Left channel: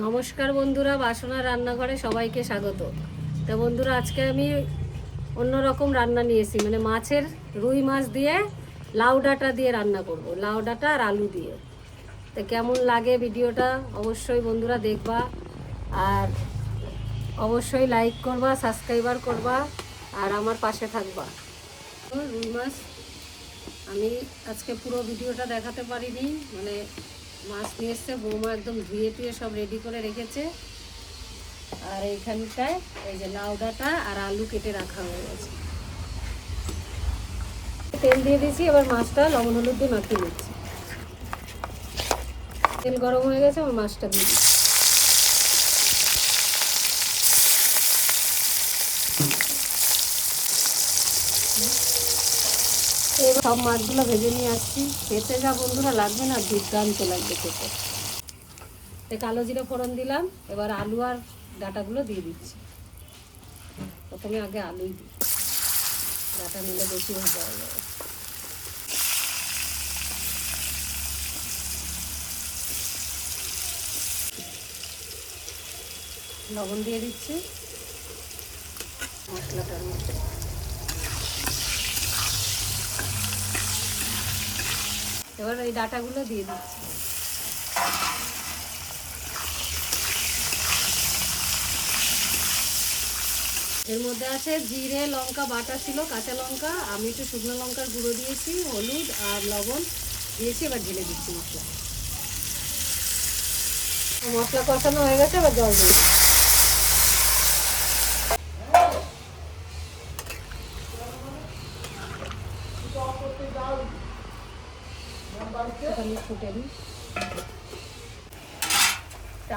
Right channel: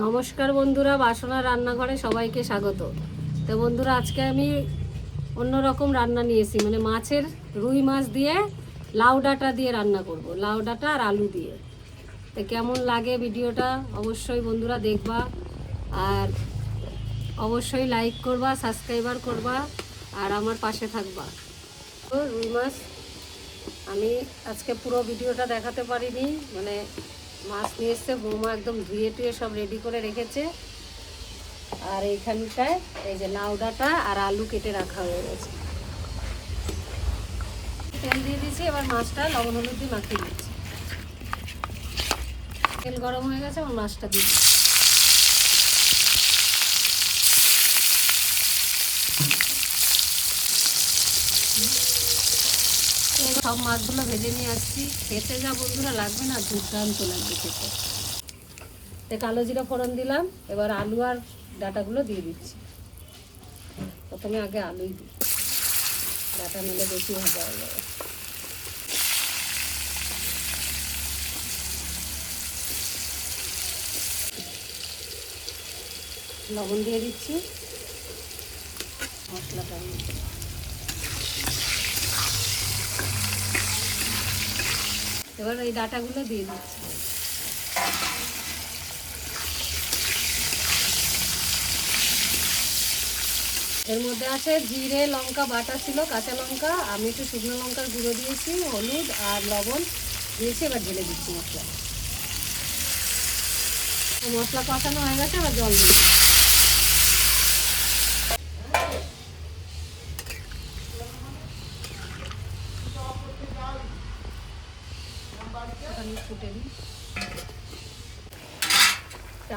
নমস্কার বন্ধুরা, বাসনা রান্নাঘরে সবাইকে স্বাগত। তো বন্ধুরা, আজকে আমি অন্যরকম রান্না নিয়েছি মানে মাছের রুই মাছ দিয়ে লাউ ডাঁটা দিয়ে রান্না করব, লাউ ডাঁটা আর আলু দিয়ে। তো কেমন লাগে ভিডিওটা অবশ্যই বন্ধুরা দেখবা, আর অবশ্যই লাইক করবা সাবস্ক্রাইবার করবা, আর আমার পাশে থাকবা। রুই মাছ, আমি আজকে পুরো ভিডিওটা দেখাতে পারিনি মানে মাছ নিয়ে এসছে, বৌমা একদম ধুয়ে টুয়ে সব রেডি করে রেখেছে। আর এইখানটায় এই যে লাউ ডাঁটা আর আলু কেটে রাখা হয়ে গেছে। তেল দিয়ে দিয়েছি, এবার মাছটা লবণ হলুদ দিয়ে মাখিয়ে দিচ্ছি তেল গরম হয়ে গেছে আমার মাছটা দিয়ে দিচ্ছি। সব মাছগুলো ভেজে নিয়ে আসছি। খেতে যা বন্ধুরা লাগবে না, দুর্দান্ত লাগবে খেতে। তো কালো জিরা ফোড়ন দিলাম, এবার আলু আর ডাটাগুলো দিয়ে দিচ্ছি। প্রথমে আগে আলুই দিই। ডাটা নিলে বেশি ভাজা হয়ে যাবে। লবণ দিয়ে দিচ্ছি। মশলাটার মধ্যে এবার ওই ডাটাগুলো দিয়ে দিচ্ছি। এর মধ্যে আছে জিরে, লঙ্কা, বাটা ছিল, কাঁচা লঙ্কা, আমি একটু শুকনো লঙ্কার গুঁড়ো দিয়েছি, হলুদ আর লবণ দিয়েছি, এবার ঢেলে দিচ্ছি মশলা। মশলা কষানো হয়ে গেছে, এবার জল দিয়ে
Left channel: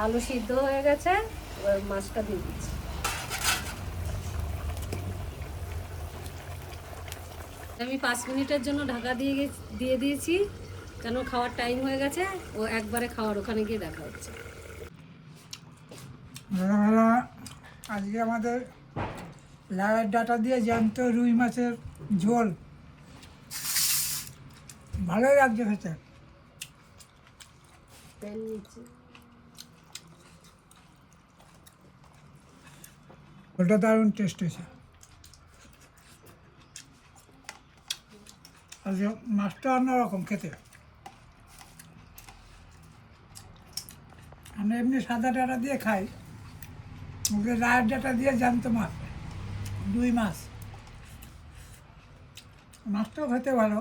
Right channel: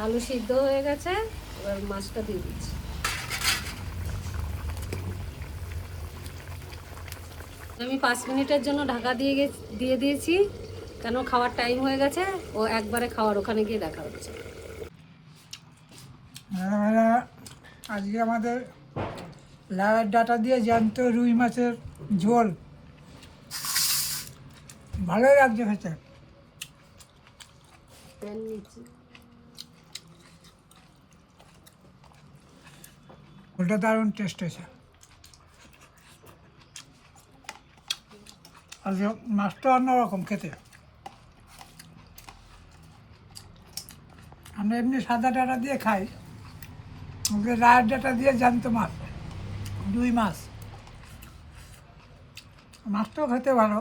আলু সিদ্ধ হয়ে গেছে, এবার মাছটা দিয়ে দিচ্ছি। আমি পাঁচ মিনিটের জন্য ঢাকা দিয়ে দিয়ে দিয়েছি, কেন খাওয়ার টাইম হয়ে গেছে, ও একবারে খাওয়ার ওখানে গিয়ে দেখা হচ্ছে। আজকে আমাদের লাউয়ের ডাটা দিয়ে জ্যান্ত রুই মাছের ঝোল। ভালোই লাগছে খেতে। ওটা দারুণ টেস্ট হয়েছে। আর যে মাছটা অন্যরকম খেতে। আমরা এমনি সাদা ডাটা দিয়ে খাই ওকে রায়ের ডাটা দিয়ে জ্যান্ত মাছ দুই মাছ। মাছটাও খেতে ভালো।